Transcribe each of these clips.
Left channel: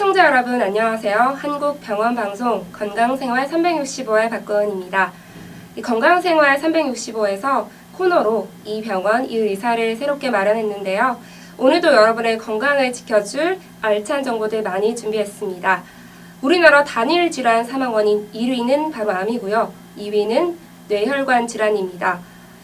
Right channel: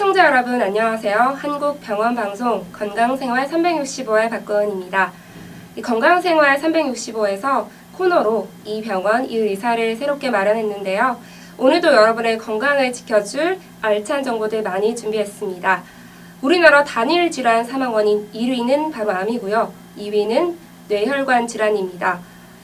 시청자 여러분 안녕하세요. 한국병원방송 건강생활 365의 박고은입니다. 이 건강생활 365에서 코너로 이 병원, 이 의사를 새롭게 마련했는데요. 오늘도 여러분의 건강을 지켜줄 알찬 정보들 많이 준비했습니다. 우리나라 단일 질환 사망 원인 1위는 바로 암이고요. 2위는 뇌혈관 질환입니다.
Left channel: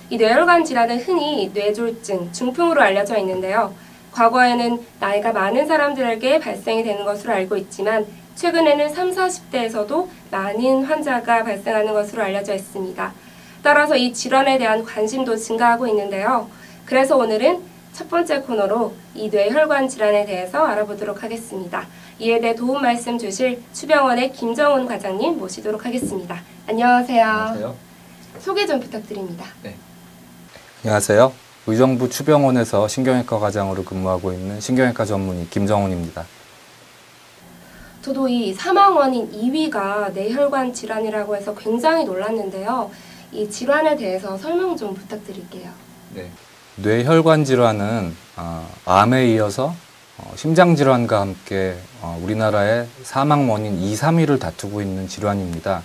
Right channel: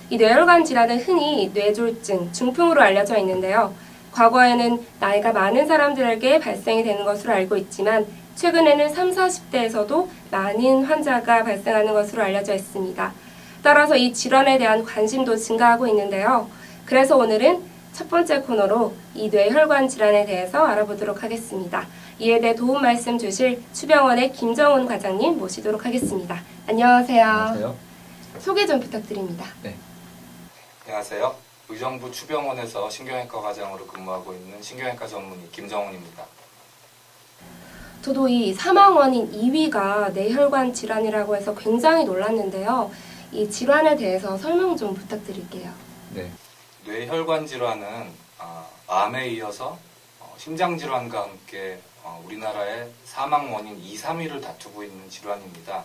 이 뇌혈관 질환은 흔히 뇌졸중, 중풍으로 알려져 있는데요. 과거에는 나이가 많은 사람들에게 발생이 되는 것으로 알고 있지만 최근에는 30, 40대에서도 많은 환자가 발생하는 것으로 알려져 있습니다. 따라서 이 질환에 대한 관심도 증가하고 있는데요. 그래서 오늘은 첫 번째 코너로 이 뇌혈관 질환에 대해서 알아보도록 하겠습니다. 이에 대해 도움 말씀 주실 추병원의 김정훈 과장님 모시도록 하겠습니다. 안녕하세요. 안녕하세요. 소개 좀 부탁드립니다. 네. 안녕하세요. 의정부 추병원에서 신경외과 과장으로 근무하고 있는 신경외과 전문의 김정훈입니다. 저도 이 사망 원인 2위가 뇌혈관 질환이라고 해서 굉장히 놀랐는데요. 이 질환에 대해서 설명 좀 부탁드릴게요. 네. 뇌혈관 질환은 암에 이어서 심장질환과 함께 우리나라의 사망 원인 2, 3위를 다투고 있는 질환입니다.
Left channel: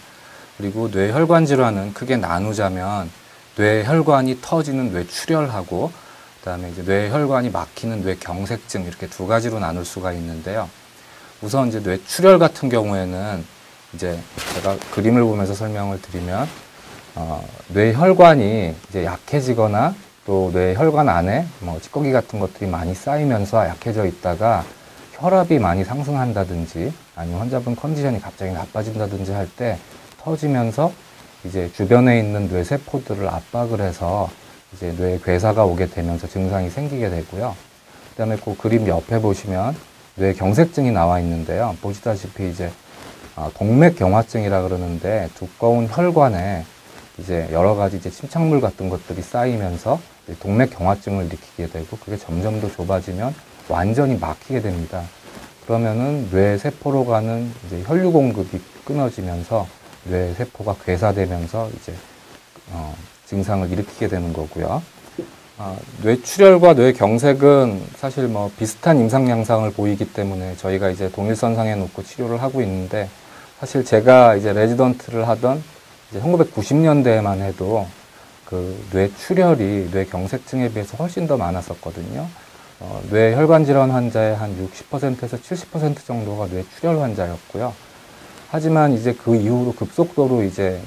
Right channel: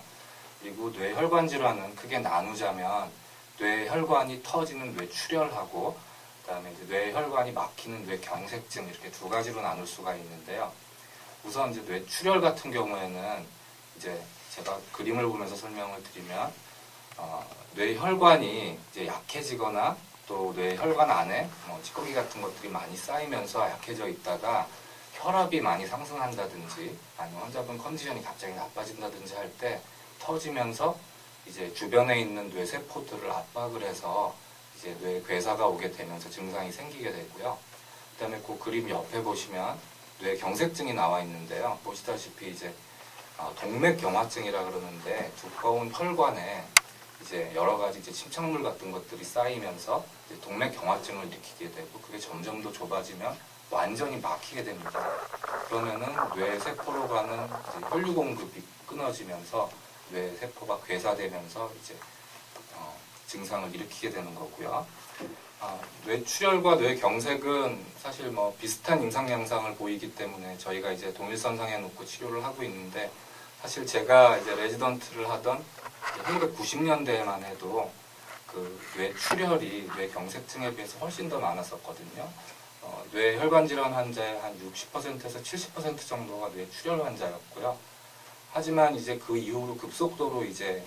그리고 뇌혈관 질환은 크게 나누자면 뇌혈관이 터지는 뇌출혈하고 그다음에 이제 뇌혈관이 막히는 뇌경색증 이렇게 두 가지로 나눌 수가 있는데요. 우선 이제 뇌출혈 같은 경우에는 이제 제가 그림을 보면서 설명을 드리면 뇌혈관이 이제 약해지거나 또 뇌혈관 안에 찌꺼기 같은 것들이 많이 쌓이면서 약해져 있다가 혈압이 많이 상승한다든지 아니면 환자분 컨디션이 갑자기 나빠진다든지 할 때 터지면서 이제 주변에 있는 뇌세포들을 압박을 해서 이제 뇌에 괴사가 오게 되면서 증상이 생기게 되고요. 그다음에 그 그림 옆에 보시면 뇌경색증이 나와 있는데요. 보시다시피 이제 동맥경화증이라 그러는데 두꺼운 혈관에 이제 여러 가지 이제 침착물 같은 것들이 쌓이면서 동맥경화증을 일으키게 되고 그게 점점 더 좁아지면 완전히 막히게 됩니다. 그러면은 뇌세포로 가는 이제 혈류 공급이 끊어지면서 뇌세포가 괴사되면서 이제 증상을 일으키게 되는 거고요. 뇌출혈과 뇌경색은 사실 비슷한 임상 양상을 보이기 때문에 저희가 이제 동일선상에 놓고 치료를 하고 있는데 사실 제가 이제 레지던트를 하던 1990년대에만 해도 그 뇌출혈이 뇌경색증에 비해서 훨씬 더 많았었거든요. 뇌혈관 질환 환자의 한 60%에서 70% 정도가 뇌출혈 환자였고요. 하지만 이제 그 이후로 급속도로 이제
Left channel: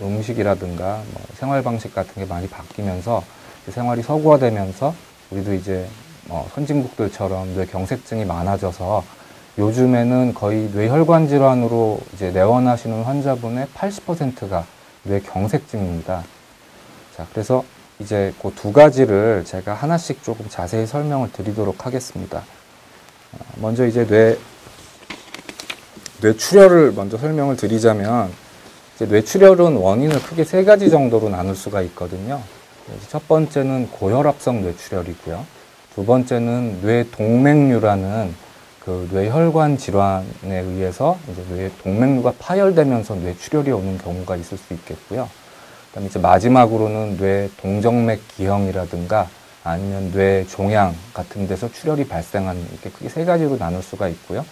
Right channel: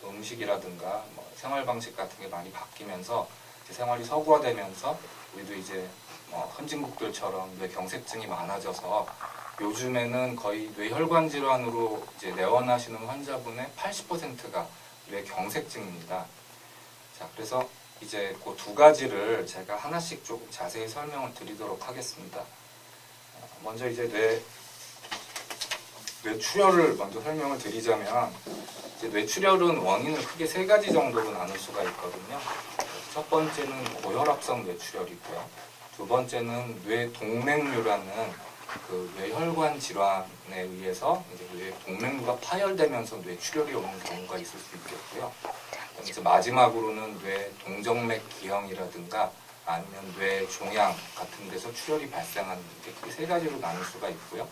음식이라든가 생활 방식 같은 게 많이 바뀌면서 이제 생활이 서구화되면서 우리도 이제 선진국들처럼 뇌경색증이 많아져서 요즘에는 거의 뇌혈관 질환으로 이제 내원하시는 환자분의 80%가 뇌경색증입니다. 자, 그래서 이제 그 두 가지를 제가 하나씩 조금 자세히 설명을 드리도록 하겠습니다. 먼저 이제 뇌출혈을 먼저 설명을 드리자면 이제 뇌출혈은 원인을 크게 세 가지 정도로 나눌 수가 있거든요. 첫 번째는 고혈압성 뇌출혈이고요. 두 번째는 뇌동맥류라는 그 뇌혈관 질환에 의해서 이제 뇌동맥류가 파열되면서 뇌출혈이 오는 경우가 있을 수 있겠고요. 그다음에 이제 마지막으로는 뇌동정맥 기형이라든가 아니면 뇌종양 같은 데서 출혈이 발생하는 이렇게 크게 세 가지로 나눌 수가 있고요.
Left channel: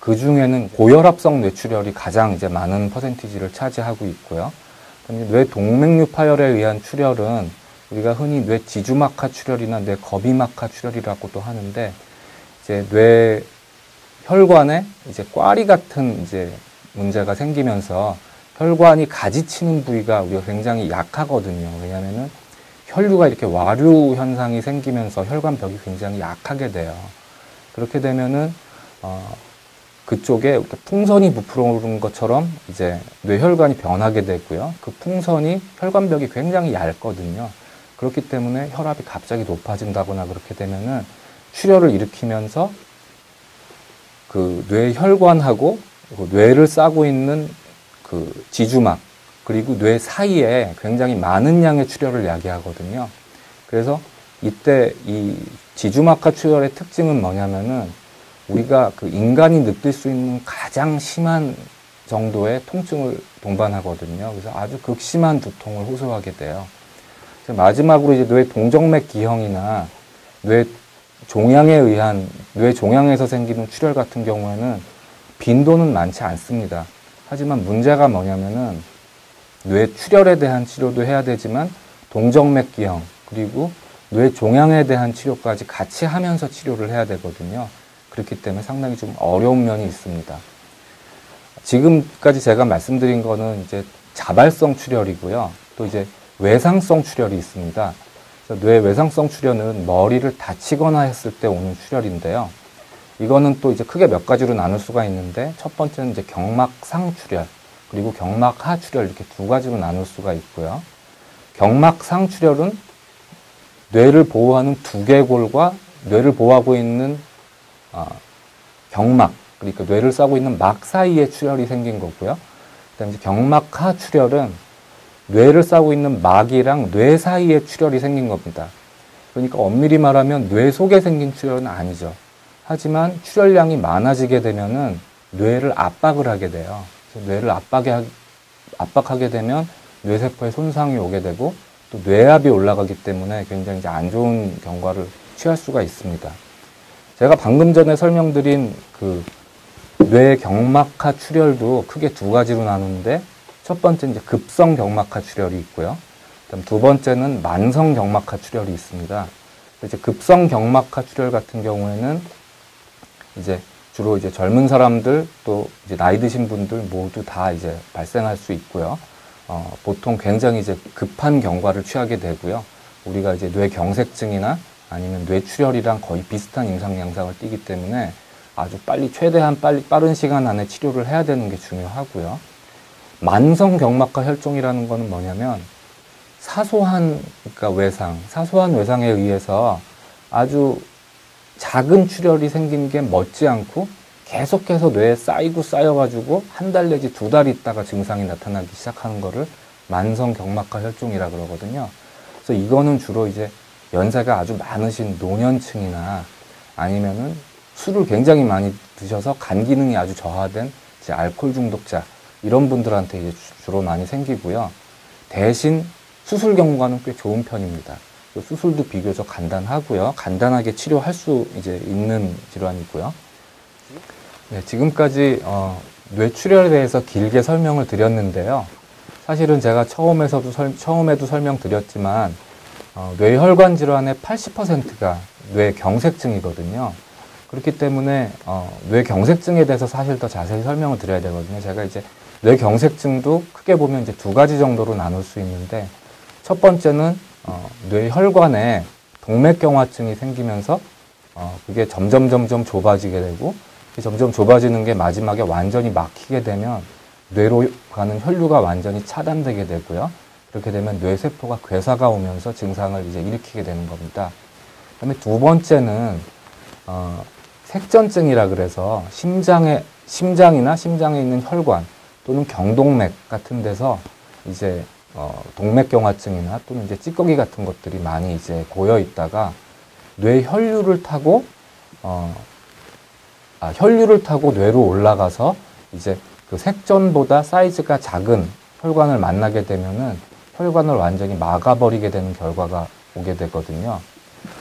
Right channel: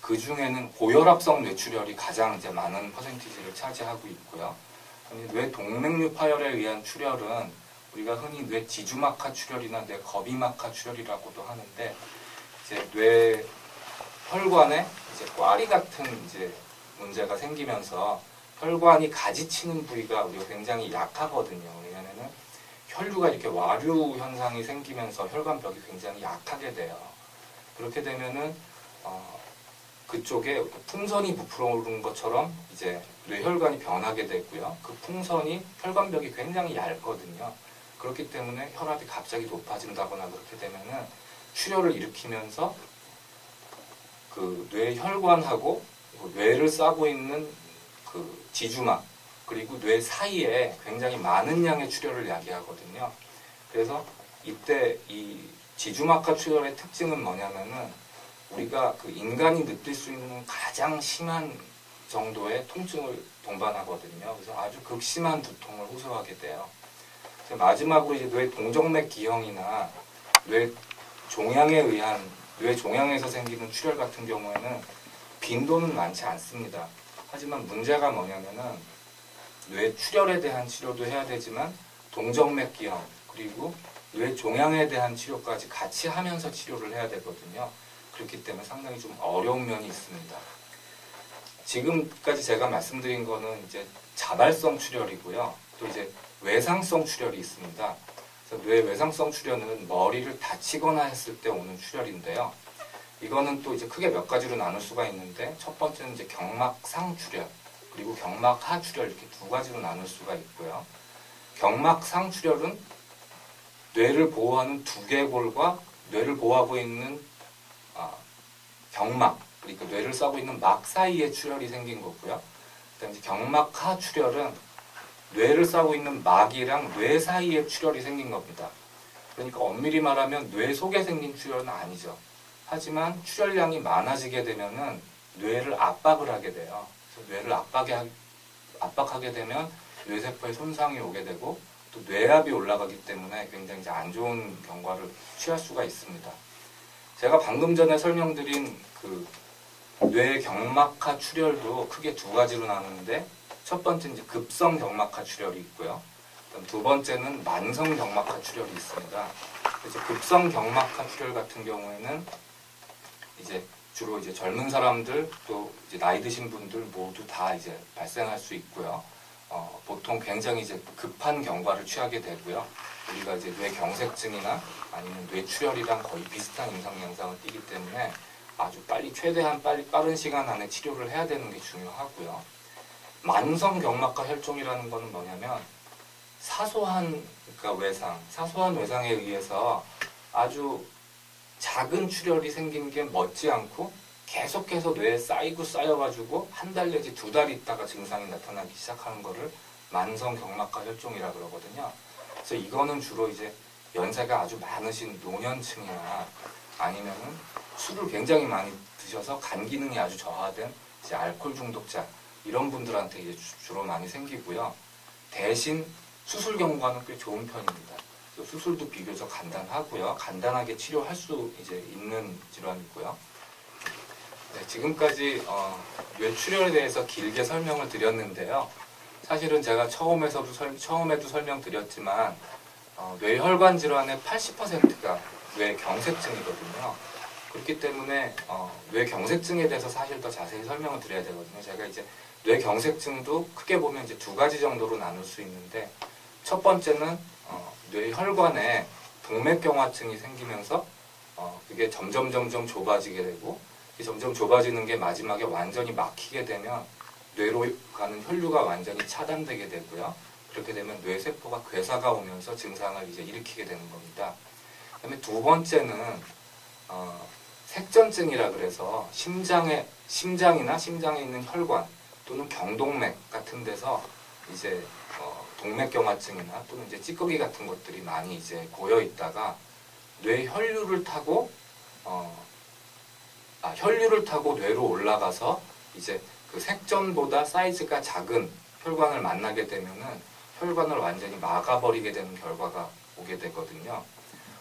그 중에는 고혈압성 뇌출혈이 가장 이제 많은 퍼센티지를 차지하고 있고요. 뇌동맥류 파열에 의한 출혈은 우리가 흔히 뇌지주막하 출혈이나 뇌겁이막하 출혈이라고도 하는데 이제 뇌혈관에 이제 꽈리 같은 이제 문제가 생기면서 혈관이 가지치는 부위가 우리가 굉장히 약하거든요. 왜냐하면은 혈류가 이렇게 와류 현상이 생기면서 혈관벽이 굉장히 약하게 돼요. 그렇게 되면은 그쪽에 이렇게 풍선이 부풀어 오른 것처럼 이제 뇌혈관이 변하게 되고요. 그 풍선이 혈관벽이 굉장히 얇거든요. 그렇기 때문에 혈압이 갑자기 높아진다거나 그렇게 되면은 출혈을 일으키면서 그 뇌혈관하고 뇌를 싸고 있는 그 지주막 그리고 뇌 사이에 굉장히 많은 양의 출혈을 야기하거든요. 그래서 이때 이 지주막하 출혈의 특징은 뭐냐면은 우리가 그 인간이 느낄 수 있는 가장 심한 정도의 통증을 동반하거든요. 그래서 아주 극심한 두통을 호소하게 돼요. 마지막으로 이제 뇌동정맥 기형이나 뇌종양에 의한 뇌종양에서 생기는 출혈 같은 경우에는 빈도는 많지 않습니다. 하지만 문제가 뭐냐면은 뇌출혈에 대한 치료도 해야 되지만 동정맥기형 그리고 뇌종양에 대한 치료까지 같이 하면서 치료를 해야 되거든요. 그렇기 때문에 상당히 좀 어려운 면이 있습니다. 지금까지 제가 말씀드린 거는 이제 자발성 출혈이고요. 또 이제 외상성 출혈이 있습니다. 그래서 뇌 외상성 출혈은 머리를 다치거나 했을 때 오는 출혈인데요. 이거는 또 이제 크게 몇 가지로 나눌 수가 있는데, 첫 번째는 이제 경막상 출혈, 그리고 경막하 출혈, 이렇게 두 가지로 나눌 수가 있고요. 경막상 출혈은 뇌를 보호하는 두개골과 뇌를 보호하고 있는 경막, 그러니까 뇌를 싸고 있는 막 사이에 출혈이 생긴 거고요. 그다음에 경막하 출혈은 뇌를 싸고 있는 막이랑 뇌 사이에 출혈이 생긴 겁니다. 그러니까 엄밀히 말하면 뇌 속에 생긴 출혈은 아니죠. 하지만 출혈량이 많아지게 되면은 뇌를 압박을 하게 돼요. 그래서 뇌를 압박하게 되면 뇌세포에 손상이 오게 되고 또 뇌압이 올라가기 때문에 굉장히 이제 안 좋은 결과를 취할 수가 있습니다. 제가 방금 전에 설명드린 그 뇌 경막하 출혈도 크게 두 가지로 나누는데, 첫 번째 이제 급성 경막하 출혈이 있고요. 그다음 두 번째는 만성 경막하 출혈이 있습니다. 이제 급성 경막하 출혈 같은 경우에는 이제 주로 이제 젊은 사람들 또 이제 나이 드신 분들 모두 다 이제 발생할 수 있고요. 보통 굉장히 이제 급한 경과를 취하게 되고요. 우리가 이제 뇌경색증이나 아니면 뇌출혈이랑 거의 비슷한 임상 양상을 띠기 때문에 아주 최대한 빠른 시간 안에 치료를 해야 되는 게 중요하고요. 만성 경막하 혈종이라는 거는 뭐냐면 사소한 외상에 의해서 아주 작은 출혈이 생긴 게 멋지않고 계속해서 뇌에 쌓여가지고 한 달 내지 두 달 있다가 증상이 나타나기 시작하는 거를 만성 경막하 혈종이라 그러거든요. 그래서 이거는 주로 이제 연세가 아주 많으신 노년층이나 아니면은 술을 굉장히 많이 드셔서 간 기능이 아주 저하된 이제 알코올 중독자, 이런 분들한테 이제 주로 많이 생기고요. 대신 수술 경과는 꽤 좋은 편입니다. 수술도 비교적 간단하고요. 간단하게 치료할 수 이제 있는 질환이고요. 네, 지금까지 뇌출혈에 대해서 길게 설명을 드렸는데요. 사실은 제가 처음에도 설명드렸지만 뇌혈관 질환의 80%가 뇌경색증이거든요. 그렇기 때문에 뇌경색증에 대해서 사실 더 자세히 설명을 드려야 되거든요. 제가 이제 뇌경색증도 크게 보면 이제 두 가지 정도로 나눌 수 있는데, 첫 번째는 뇌혈관에 동맥경화증이 생기면서 그게 점점 좁아지게 되고, 점점 좁아지는 게 마지막에 완전히 막히게 되면 뇌로 가는 혈류가 완전히 차단되게 되고요. 그렇게 되면 뇌세포가 괴사가 오면서 증상을 이제 일으키게 되는 겁니다. 그다음에 두 번째는 색전증이라 그래서 심장이나 심장에 있는 혈관 또는 경동맥 같은 데서 이제 동맥경화증이나 또는 이제 찌꺼기 같은 것들이 많이 이제 고여 있다가 뇌 혈류를 타고 뇌로 올라가서 이제 그 색전보다 사이즈가 작은 혈관을 만나게 되면은 혈관을 완전히 막아버리게 되는 결과가 오게 되거든요.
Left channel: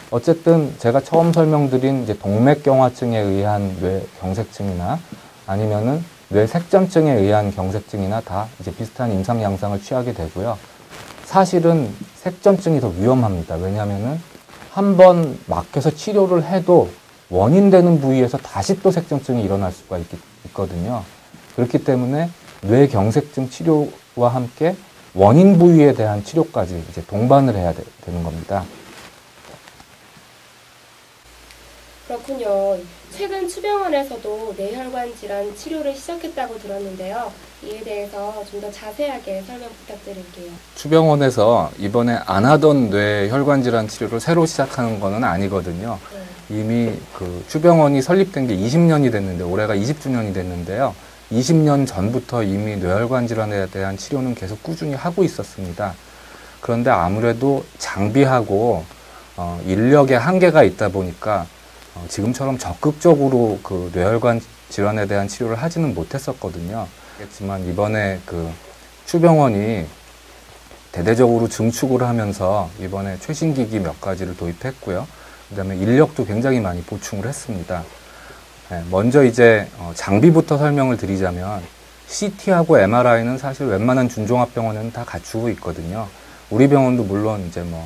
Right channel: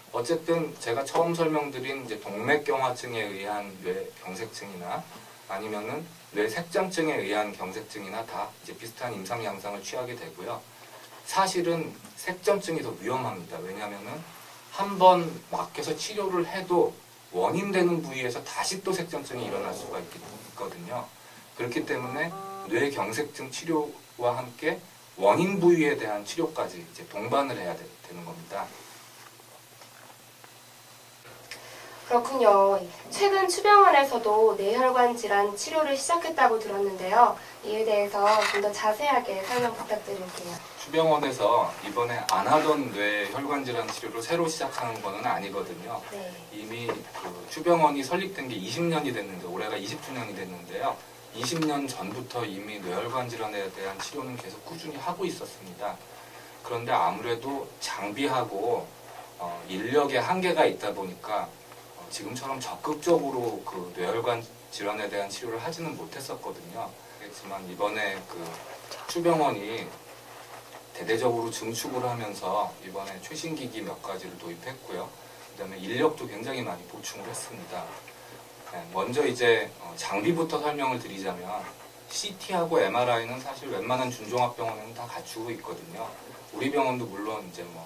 어쨌든 제가 처음 설명드린 이제 동맥경화증에 의한 뇌경색증이나 아니면은 뇌색전증에 의한 경색증이나 다 이제 비슷한 임상 양상을 취하게 되고요. 사실은 색전증이 더 위험합니다. 왜냐하면은 한번 막혀서 치료를 해도 원인되는 부위에서 다시 또 색전증이 일어날 수가 있거든요. 그렇기 때문에 뇌경색증 치료와 함께 원인 부위에 대한 치료까지 이제 동반을 해야 되는 겁니다. 그렇군요. 최근 추병원에서도 뇌혈관 질환 치료를 시작했다고 들었는데요. 이에 대해서 좀 더 자세하게 설명 부탁드릴게요. 추병원에서 이번에 안 하던 뇌혈관 질환 치료를 새로 시작하는 거는 아니거든요. 네. 이미 그 추병원이 설립된 게 20년이 됐는데, 올해가 20주년이 됐는데요. 20년 전부터 이미 뇌혈관 질환에 대한 치료는 계속 꾸준히 하고 있었습니다. 그런데 아무래도 장비하고 인력에 한계가 있다 보니까 지금처럼 적극적으로 그 뇌혈관 질환에 대한 치료를 하지는 못했었거든요. 그렇지만 이번에 그 추병원이 대대적으로 증축을 하면서 이번에 최신 기기 몇 가지를 도입했고요. 그 다음에 인력도 굉장히 많이 보충을 했습니다. 네, 먼저 이제 장비부터 설명을 드리자면 CT하고 MRI는 사실 웬만한 준종합병원에는 다 갖추고 있거든요. 우리 병원도 물론 이제 뭐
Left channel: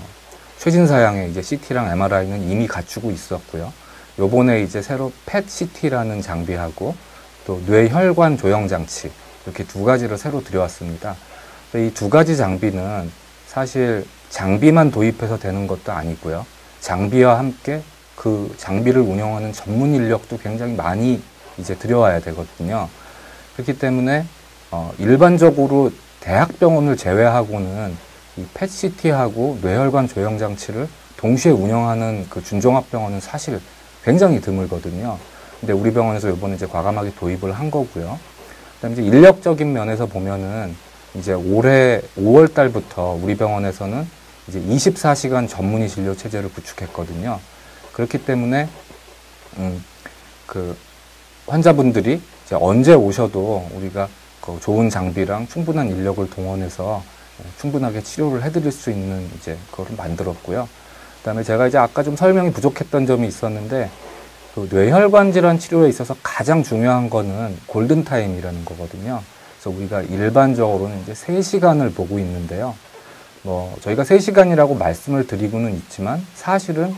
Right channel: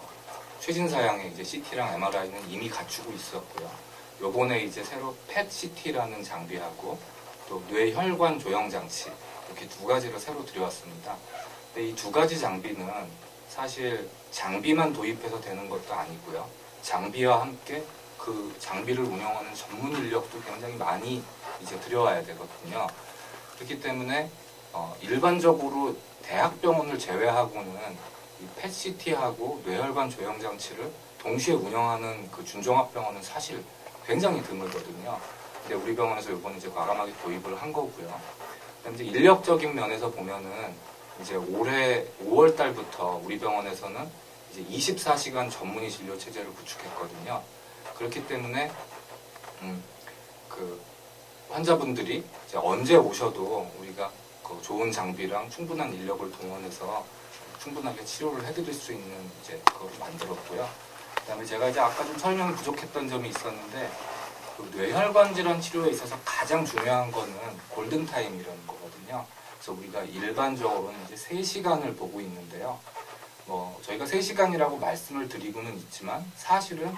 최신 사양의 이제 CT랑 MRI는 이미 갖추고 있었고요. 요번에 이제 새로 PET-CT라는 장비하고 또 뇌혈관 조형 장치 이렇게 두 가지를 새로 들여왔습니다. 이 두 가지 장비는 사실 장비만 도입해서 되는 것도 아니고요. 장비와 함께 그 장비를 운영하는 전문 인력도 굉장히 많이 이제 들여와야 되거든요. 그렇기 때문에 일반적으로 대학병원을 제외하고는 이 PET-CT하고 뇌혈관 조형 장치를 동시에 운영하는 그 준종합병원은 사실 굉장히 드물거든요. 근데 우리 병원에서 이번에 이제 과감하게 도입을 한 거고요. 그다음에 이제 인력적인 면에서 보면은 이제 올해 5월 달부터 우리 병원에서는 이제 24시간 전문의 진료 체제를 구축했거든요. 그렇기 때문에 그 환자분들이 이제 언제 오셔도 우리가 그 좋은 장비랑 충분한 인력을 동원해서 충분하게 치료를 해드릴 수 있는 이제 그걸 만들었고요. 그다음에 제가 이제 아까 좀 설명이 부족했던 점이 있었는데 그 뇌혈관 질환 치료에 있어서 가장 중요한 거는 골든타임이라는 거거든요. 그래서 우리가 일반적으로는 이제 3시간을 보고 있는데요. 뭐 저희가 3시간이라고 말씀을 드리고는 있지만 사실은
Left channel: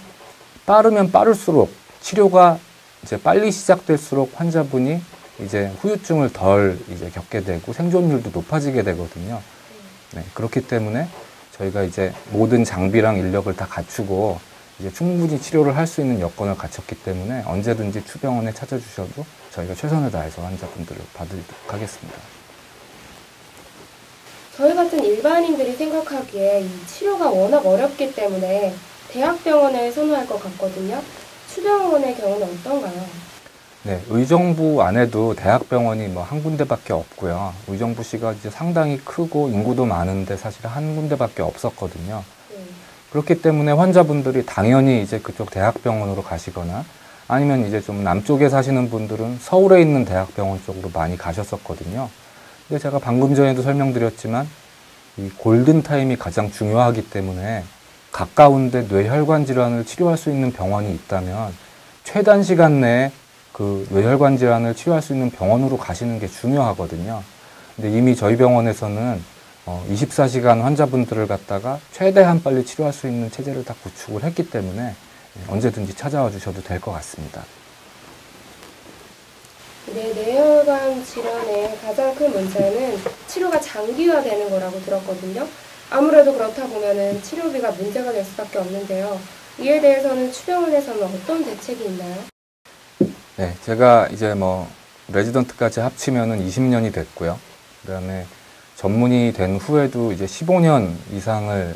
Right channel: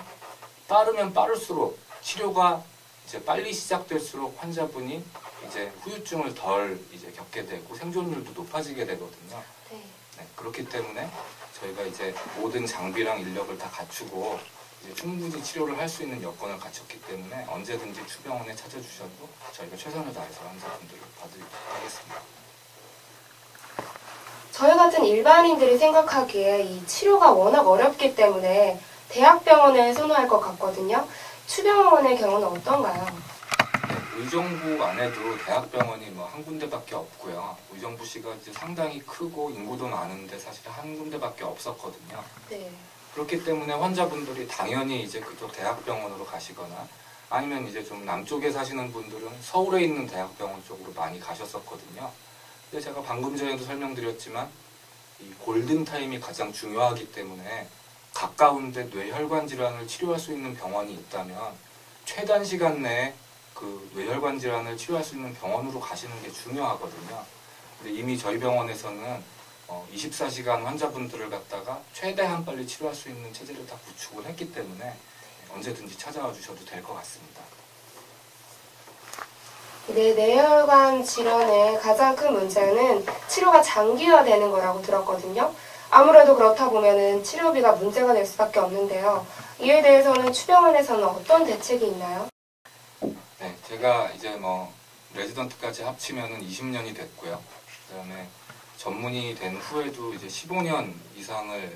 빠르면 빠를수록 치료가 이제 빨리 시작될수록 환자분이 이제 후유증을 덜 이제 겪게 되고 생존율도 높아지게 되거든요. 네, 그렇기 때문에 저희가 이제 모든 장비랑 인력을 다 갖추고 이제 충분히 치료를 할 수 있는 여건을 갖췄기 때문에 언제든지 추병원에 찾아주셔도 저희가 최선을 다해서 환자분들을 봐드리도록 하겠습니다. 저희 같은 일반인들이 생각하기에 이 치료가 워낙 어렵기 때문에 대학병원을 선호할 것 같거든요. 추병원의 경우는 어떤가요? 네, 의정부 안에도 대학병원이 뭐 한 군데밖에 없고요. 의정부시가 이제 상당히 크고 인구도 많은데 사실 한 군데밖에 없었거든요. 네. 그렇기 때문에 환자분들이 당연히 이제 그쪽 대학병원으로 가시거나 아니면 이제 좀 남쪽에 사시는 분들은 서울에 있는 대학병원 쪽으로 많이 가셨었거든요. 근데 제가 방금 전에도 설명드렸지만 이 골든타임이 가장 중요하기 때문에 가까운데 뇌혈관 질환을 치료할 수 있는 병원이 있다면 최단 시간 내에 그 뇌혈관 질환을 치료할 수 있는 병원으로 가시는 게 중요하거든요. 근데 이미 저희 병원에서는 24시간 환자분들을 갖다가 최대한 빨리 치료할 수 있는 체제를 다 구축을 했기 때문에 언제든지 찾아와 주셔도 될 것 같습니다. 네, 뇌혈관 질환의 가장 큰 문제는 치료가 장기화되는 거라고 들었거든요. 아무래도 그렇다 보면은 치료비가 문제가 될 수밖에 없는데요. 이에 대해서는 추병원에서는 어떤 대책이 있나요? 네, 제가 이제 뭐 레지던트까지 합치면은 20년이 됐고요. 그다음에 전문의 된 후에도 이제 15년 이상을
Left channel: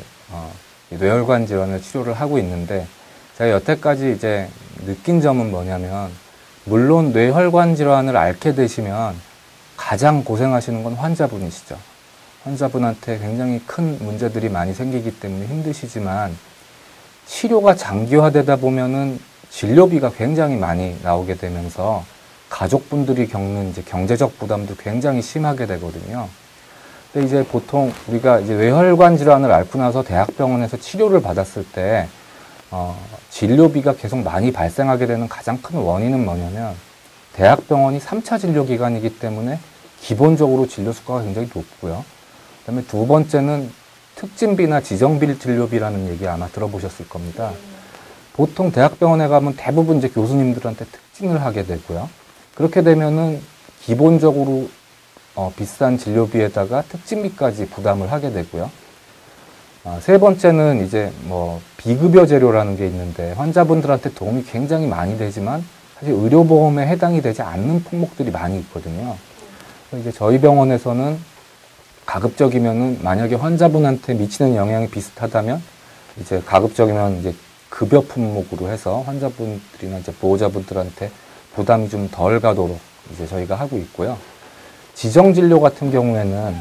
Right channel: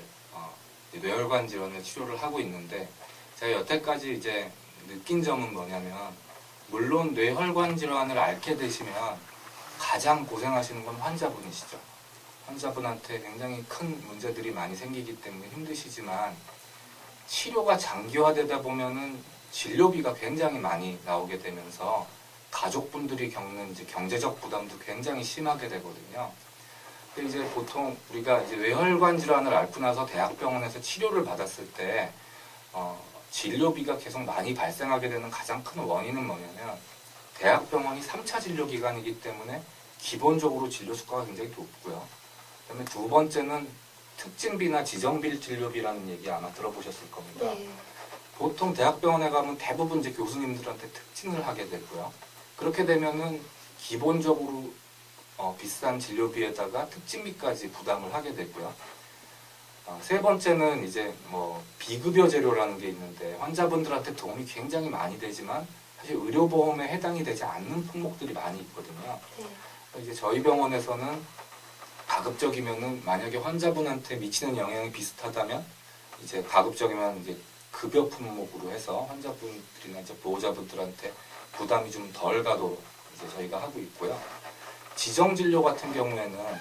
뇌혈관 질환을 치료를 하고 있는데 제가 여태까지 이제 느낀 점은 뭐냐면 물론 뇌혈관 질환을 앓게 되시면 가장 고생하시는 건 환자분이시죠. 환자분한테 굉장히 큰 문제들이 많이 생기기 때문에 힘드시지만 치료가 장기화되다 보면은 진료비가 굉장히 많이 나오게 되면서 가족분들이 겪는 이제 경제적 부담도 굉장히 심하게 되거든요. 근데 이제 보통 우리가 이제 뇌혈관 질환을 앓고 나서 대학병원에서 치료를 받았을 때 진료비가 계속 많이 발생하게 되는 가장 큰 원인은 뭐냐면 대학병원이 3차 진료 기관이기 때문에 기본적으로 진료 수가가 굉장히 높고요. 그다음에 두 번째는 특진비나 지정비 진료비라는 얘기 아마 들어보셨을 겁니다. 보통 대학병원에 가면 대부분 이제 교수님들한테 특진을 하게 되고요. 그렇게 되면은 기본적으로 비싼 진료비에다가 특진비까지 부담을 하게 되고요. 세 번째는 이제 뭐 비급여 재료라는 게 있는데 환자분들한테 도움이 굉장히 많이 되지만 사실 의료보험에 해당이 되지 않는 품목들이 많이 있거든요. 이제 저희 병원에서는 가급적이면은 만약에 환자분한테 미치는 영향이 비슷하다면 이제 가급적이면 이제 급여 품목으로 해서 환자분들이나 이제 보호자분들한테 부담이 좀 덜 가도록 이제 저희가 하고 있고요. 지정진료 같은 경우에는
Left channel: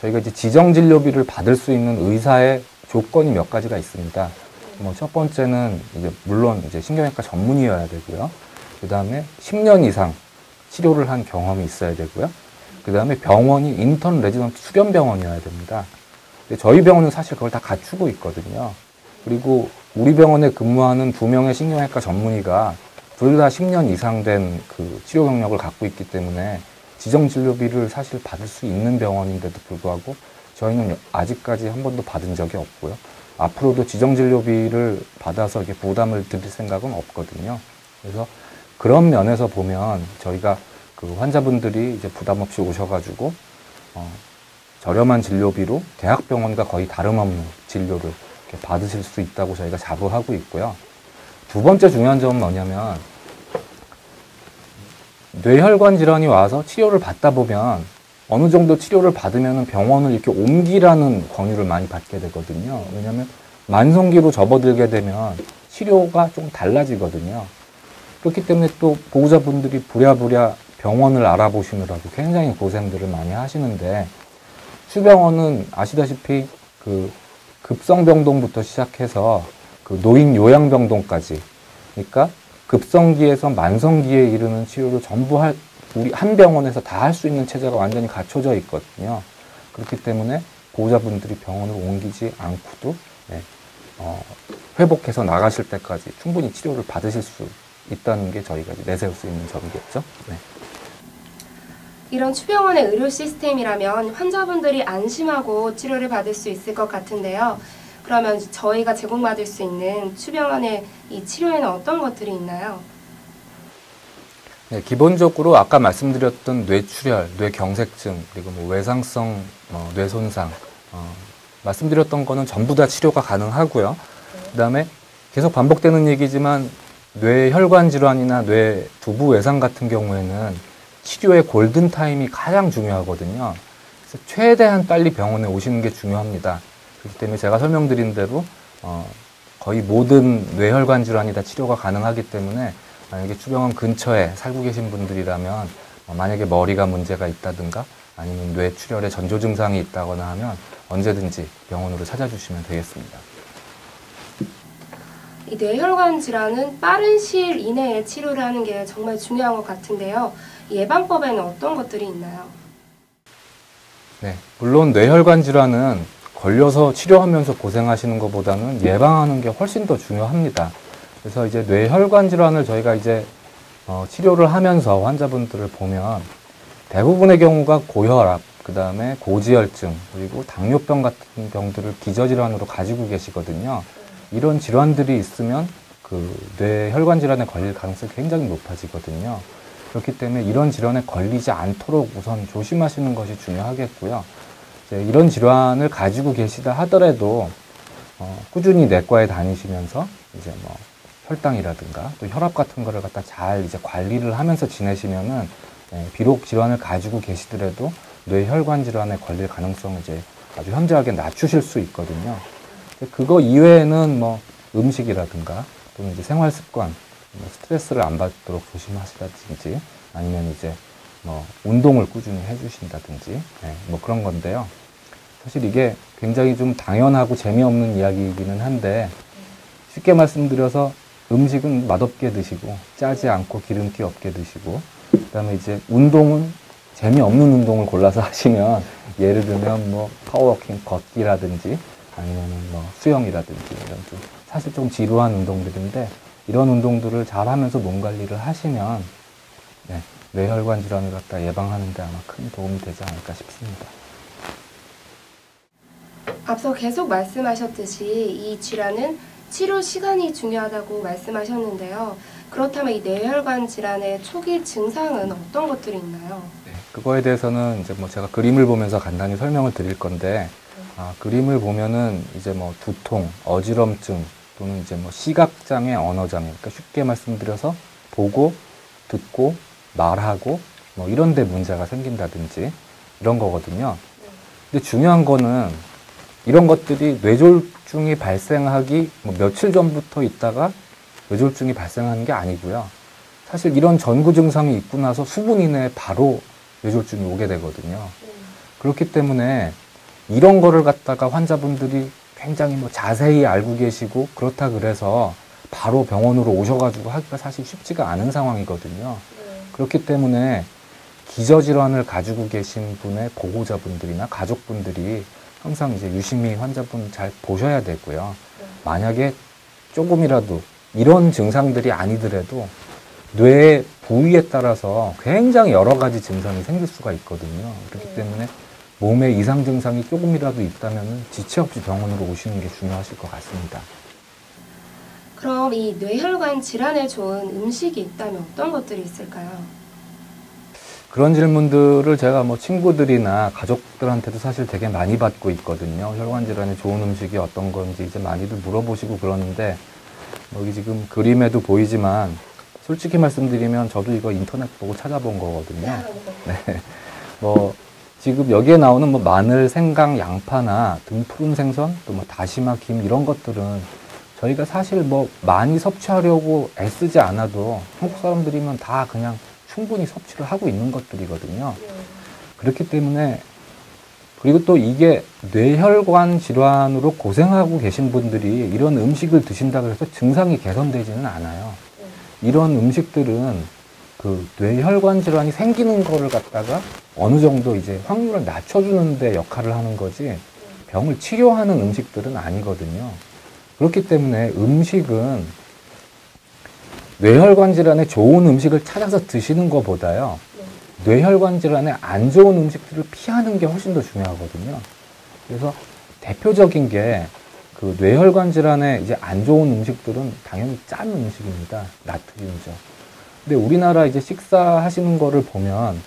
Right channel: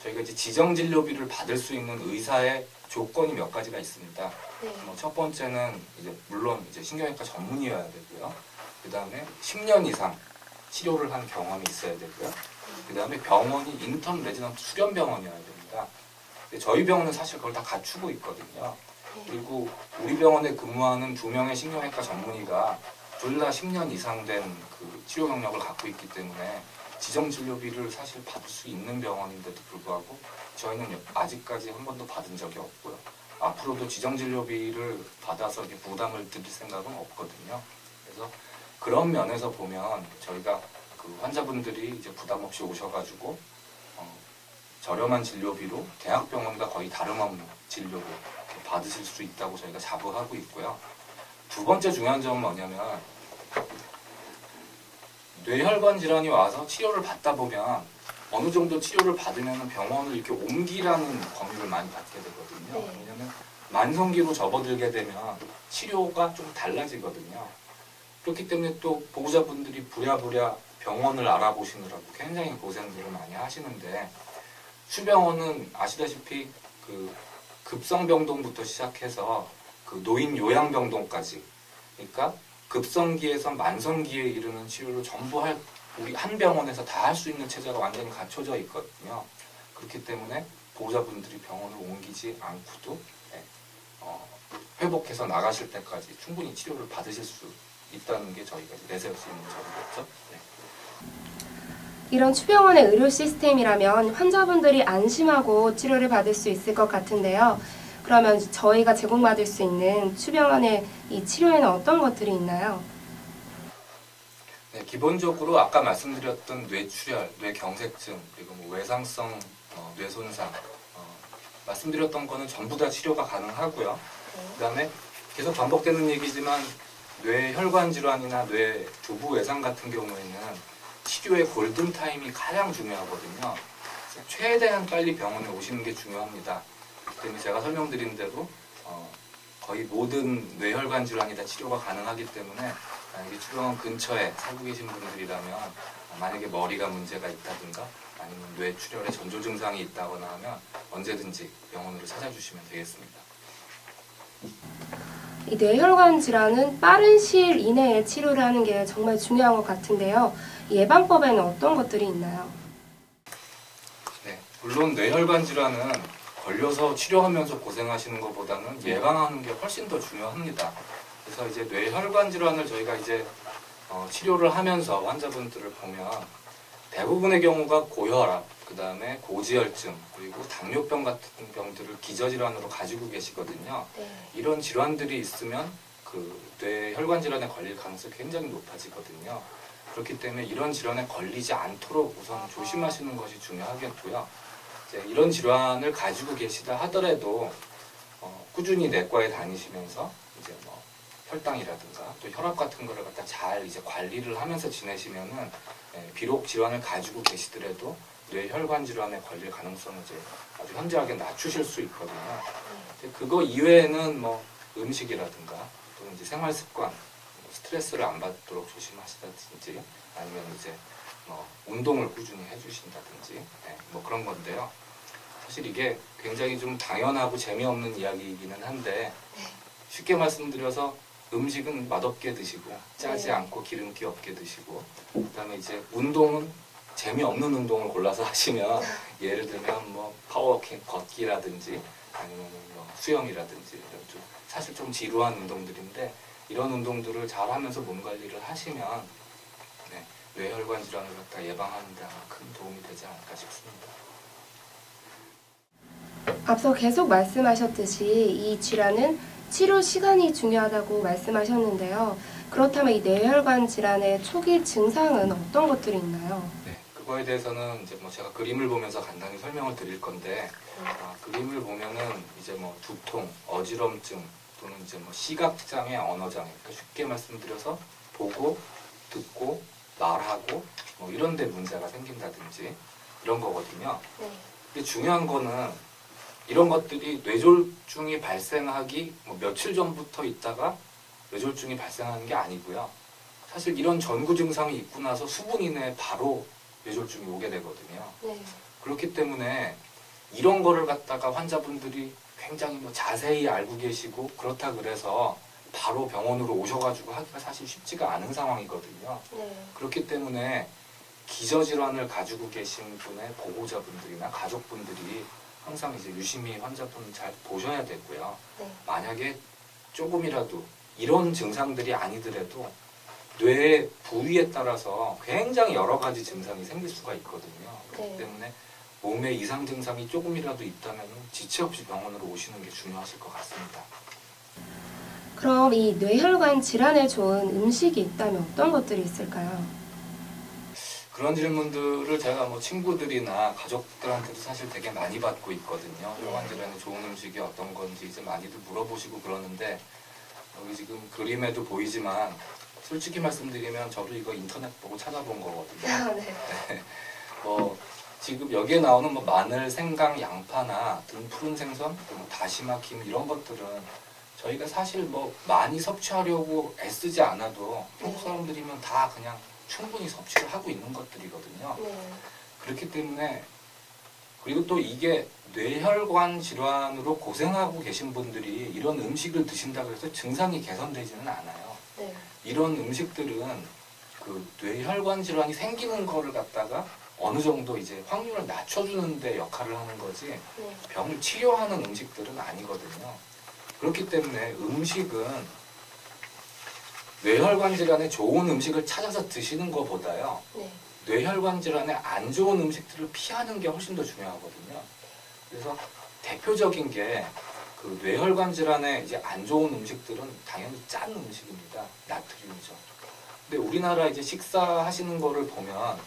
저희가 이제 지정진료비를 받을 수 있는 의사의 조건이 몇 가지가 있습니다. 뭐 첫 번째는 이제 물론 이제 신경외과 전문의여야 되고요. 그 다음에 10년 이상 치료를 한 경험이 있어야 되고요. 그 다음에 병원이 인턴 레지던트 수련병원이어야 됩니다. 근데 저희 병원은 사실 그걸 다 갖추고 있거든요. 그리고 우리 병원에 근무하는 2명의 신경외과 전문의가 둘 다 10년 이상 된 그 치료 경력을 갖고 있기 때문에 지정진료비를 사실 받을 수 있는 병원인데도 불구하고 저희는 아직까지 한 번도 받은 적이 없고요. 앞으로도 지정진료비를 받아서 이렇게 부담을 드릴 생각은 없거든요. 그래서 그런 면에서 보면 저희가 그 환자분들이 이제 부담 없이 오셔가지고 저렴한 진료비로 대학병원과 거의 다름없는 진료를 이렇게 받으실 수 있다고 저희가 자부하고 있고요. 두 번째 중요한 점은 뭐냐면 뇌혈관 질환이 와서 치료를 받다 보면 어느 정도 치료를 받으면 병원을 이렇게 옮기라는 권유를 많이 받게 되거든요. 왜냐하면 만성기로 접어들게 되면 치료가 좀 달라지거든요. 그렇기 때문에 또 보호자분들이 부랴부랴 병원을 알아보시느라고 굉장히 고생들을 많이 하시는데 수병원은 아시다시피 그 급성병동부터 시작해서 그 노인 요양병동까지, 그러니까 급성기에서 만성기에 이르는 치료를 전부 우리 한 병원에서 다 할 수 있는 체제가 완전히 갖춰져 있거든요. 그렇기 때문에 보호자분들이 병원을 옮기지 않고도 회복해서 나가실 때까지 충분히 치료를 받으실 수 있다는 게 저희가 내세울 수 있는 점이겠죠. 네. 이런 추병원의 의료 시스템이라면 환자분들이 안심하고 치료를 받을 수 있을 것 같은데요. 그러면 저희가 제공받을 수 있는 추병원의 이 치료에는 어떤 것들이 있나요? 네, 기본적으로 아까 말씀드렸던 뇌출혈, 뇌경색증, 그리고 뭐 외상성 뇌손상, 말씀드렸던 거는 전부 다 치료가 가능하고요. 그 다음에 계속 반복되는 얘기지만 뇌혈관 질환이나 뇌 두부 외상 같은 경우에는 치료의 골든타임이 가장 중요하거든요. 그래서 최대한 빨리 병원에 오시는 게 중요합니다. 그렇기 때문에 제가 설명드린 대로 거의 모든 뇌혈관 질환이 다 치료가 가능하기 때문에 만약에 추병원 근처에 살고 계신 분들이라면 만약에 머리가 문제가 있다든가 아니면 뇌출혈의 전조 증상이 있다거나 하면 언제든지 병원으로 찾아주시면 되겠습니다. 이 뇌혈관 질환은 빠른 시일 이내에 치료를 하는 게 정말 중요한 것 같은데요. 예방법에는 어떤 것들이 있나요? 네, 물론 뇌혈관 질환은 걸려서 치료하면서 고생하시는 것보다는 예방하는 게 훨씬 더 중요합니다. 그래서 이제 뇌혈관 질환을 저희가 이제 치료를 하면서 환자분들을 보면 대부분의 경우가 고혈압, 그 다음에 고지혈증, 그리고 당뇨병 같은 병들을 기저질환으로 가지고 계시거든요. 이런 질환들이 있으면 그 뇌혈관 질환에 걸릴 가능성이 굉장히 높아지거든요. 그렇기 때문에 이런 질환에 걸리지 않도록 우선 조심하시는 것이 중요하겠고요. 이제 이런 질환을 가지고 계시다 하더라도 꾸준히 내과에 다니시면서 이제 뭐 혈당이라든가 또 혈압 같은 거를 갖다 잘 이제 관리를 하면서 지내시면은 비록 질환을 가지고 계시더라도 뇌혈관 질환에 걸릴 가능성을 이제 아주 현저하게 낮추실 수 있거든요. 그거 이외에는 뭐 음식이라든가 또는 이제 생활 습관, 스트레스를 안 받도록 조심하시다든지 아니면 이제 뭐 운동을 꾸준히 해주신다든지 뭐 그런 건데요. 사실 이게 굉장히 좀 당연하고 재미없는 이야기이기는 한데 쉽게 말씀드려서 음식은 맛없게 드시고 짜지 않고 기름기 없게 드시고 그 다음에 이제 운동은 재미없는 운동을 골라서 하시면 예를 들면 뭐 파워워킹 걷기라든지 아니면 뭐 수영이라든지 이런 좀 사실 좀 지루한 운동들인데 이런 운동들을 잘 하면서 몸 관리를 하시면 뇌혈관 질환을 갖다 예방하는 데 아마 큰 도움이 되지 않을까 싶습니다. 앞서 계속 말씀하셨듯이 이 질환은 치료 시간이 중요하다고 말씀하셨는데요. 그렇다면 이 뇌혈관 질환의 초기 증상은 어떤 것들이 있나요? 네, 그거에 대해서는 이제 뭐 제가 그림을 보면서 간단히 설명을 드릴 건데 그림을 보면은 이제 뭐 두통, 어지럼증 또는 이제 뭐 시각장애, 언어장애, 그러니까 쉽게 말씀드려서 보고 듣고 말하고 뭐 이런 데 문제가 생긴다든지 이런 거거든요. 근데 중요한 거는 이런 것들이 뇌졸중이 발생하기 뭐 며칠 전부터 있다가 뇌졸중이 발생하는 게 아니고요. 사실 이런 전구 증상이 있고 나서 수분 이내에 바로 뇌졸중이 오게 되거든요. 그렇기 때문에 이런 거를 갖다가 환자분들이 굉장히 뭐 자세히 알고 계시고 그렇다 그래서 바로 병원으로 오셔가지고 하기가 사실 쉽지가 않은 상황이거든요. 그렇기 때문에 기저질환을 가지고 계신 분의 보호자분들이나 가족분들이 항상 이제 유심히 환자분 잘 보셔야 되고요. 만약에 조금이라도 이런 증상들이 아니더라도 뇌의 부위에 따라서 굉장히 여러 가지 증상이 생길 수가 있거든요. 그렇기 때문에 몸에 이상 증상이 조금이라도 있다면 지체 없이 병원으로 오시는 게 중요하실 것 같습니다. 그럼 이 뇌혈관 질환에 좋은 음식이 있다면 어떤 것들이 있을까요? 그런 질문들을 제가 뭐 친구들이나 가족들한테도 사실 되게 많이 받고 있거든요. 혈관 질환에 좋은 음식이 어떤 건지 이제 많이들 물어보시고 그러는데, 여기 지금 그림에도 보이지만 솔직히 말씀드리면 저도 이거 인터넷 보고 찾아본 거거든요. 네. 뭐 지금 여기에 나오는 뭐 마늘, 생강, 양파나 등푸른 생선, 또 뭐 다시마, 김 이런 것들은 저희가 사실 뭐 많이 섭취하려고 애쓰지 않아도 한국 사람들이면 다 그냥 충분히 섭취를 하고 있는 것들이거든요. 그렇기 때문에, 그리고 또 이게 뇌혈관 질환으로 고생하고 계신 분들이 이런 음식을 드신다고 해서 증상이 개선되지는 않아요. 이런 음식들은 그 뇌혈관 질환이 생기는 거를 갖다가 어느 정도 이제 확률을 낮춰주는 데 역할을 하는 거지 병을 치료하는 음식들은 아니거든요. 그렇기 때문에 음식은 뇌혈관 질환에 좋은 음식을 찾아서 드시는 것보다요, 뇌혈관 질환에 안 좋은 음식들을 피하는 게 훨씬 더 중요하거든요. 그래서 대표적인 게 그 뇌혈관 질환에 이제 안 좋은 음식들은 당연히 짠 음식입니다. 나트륨이죠. 근데 우리나라 이제 식사하시는 거를 보면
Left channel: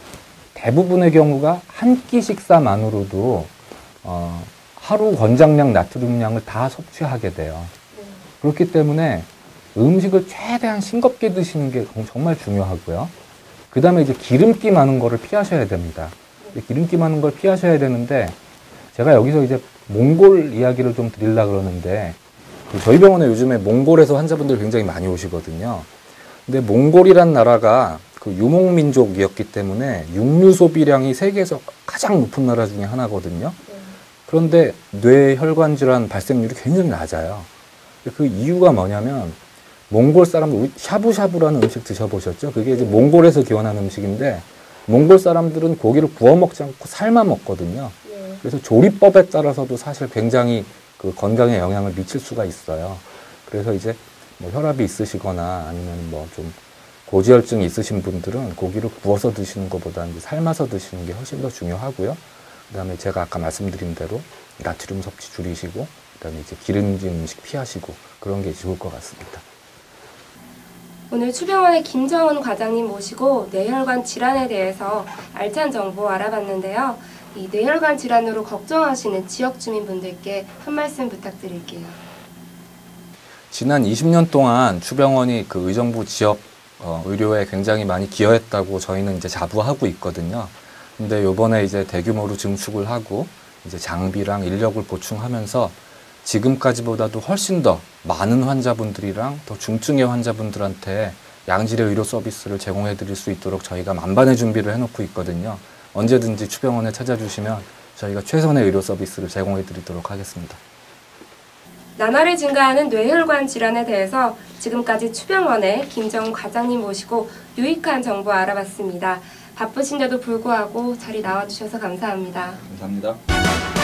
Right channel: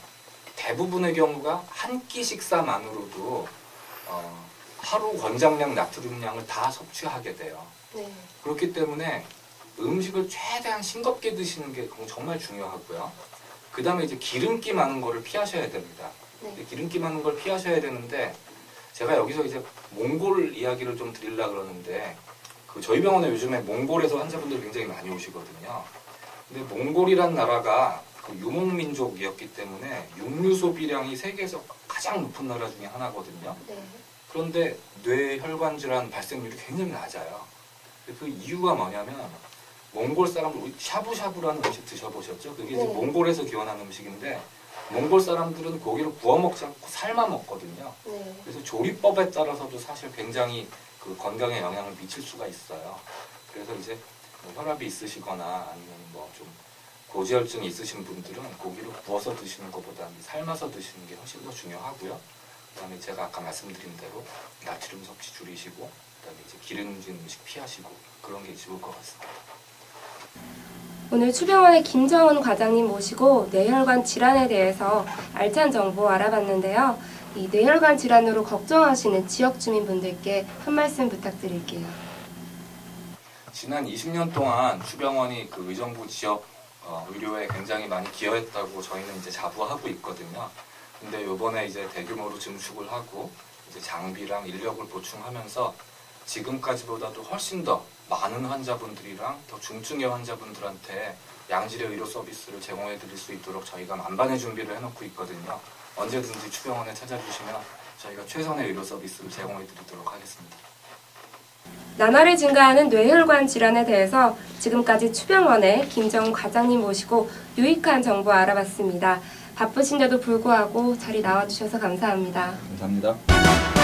대부분의 경우가 한 끼 식사만으로도 하루 권장량 나트륨량을 다 섭취하게 돼요. 그렇기 때문에 음식을 최대한 싱겁게 드시는 게 정말 중요하고요. 그 다음에 이제 기름기 많은 거를 피하셔야 됩니다. 기름기 많은 걸 피하셔야 되는데, 제가 여기서 이제 몽골 이야기를 좀 드리려고 그러는데, 저희 병원에 요즘에 몽골에서 환자분들 굉장히 많이 오시거든요. 근데 몽골이란 나라가 그 유목민족이었기 때문에 육류 소비량이 세계에서 가장 높은 나라 중에 하나거든요. 그런데 뇌혈관 질환 발생률이 굉장히 낮아요. 그 이유가 뭐냐면, 몽골 사람들, 샤브샤브라는 음식 드셔보셨죠? 그게 이제 몽골에서 기원한 음식인데, 몽골 사람들은 고기를 구워 먹지 않고 삶아 먹거든요. 그래서 조리법에 따라서도 사실 굉장히 그 건강에 영향을 미칠 수가 있어요. 그래서 이제 뭐 혈압이 있으시거나 아니면 뭐 좀 고지혈증이 있으신 분들은 고기를 구워서 드시는 것보다 이제 삶아서 드시는 게 훨씬 더 중요하고요. 그 다음에 제가 아까 말씀드린 대로 나트륨 섭취 줄이시고, 그 다음에 이제 기름진 음식 피하시고, 그런 게 좋을 것 같습니다. 오늘 추병원의 김정은 과장님 모시고 뇌혈관 질환에 대해서 알찬 정보 알아봤는데요. 이 뇌혈관 질환으로 걱정하시는 지역 주민분들께 한 말씀 부탁드릴게요. 지난 20년 동안 추병원이 그 의정부 지역 의료에 굉장히 많이 기여했다고 저희는 이제 자부하고 있거든요. 근데 요번에 이제 대규모로 증축을 하고 이제 장비랑 인력을 보충하면서 지금까지보다도 훨씬 더 많은 환자분들이랑 더 중증의 환자분들한테 양질의 의료 서비스를 제공해 드릴 수 있도록 저희가 만반의 준비를 해놓고 있거든요. 언제든지 추병원에 찾아주시면 저희가 최선의 의료 서비스를 제공해 드리도록 하겠습니다. 나날이 증가하는 뇌혈관 질환에 대해서 지금까지 추병원의 김정은 과장님 모시고 유익한 정보 알아봤습니다. 바쁘신데도 불구하고 자리 나와주셔서 감사합니다. 감사합니다.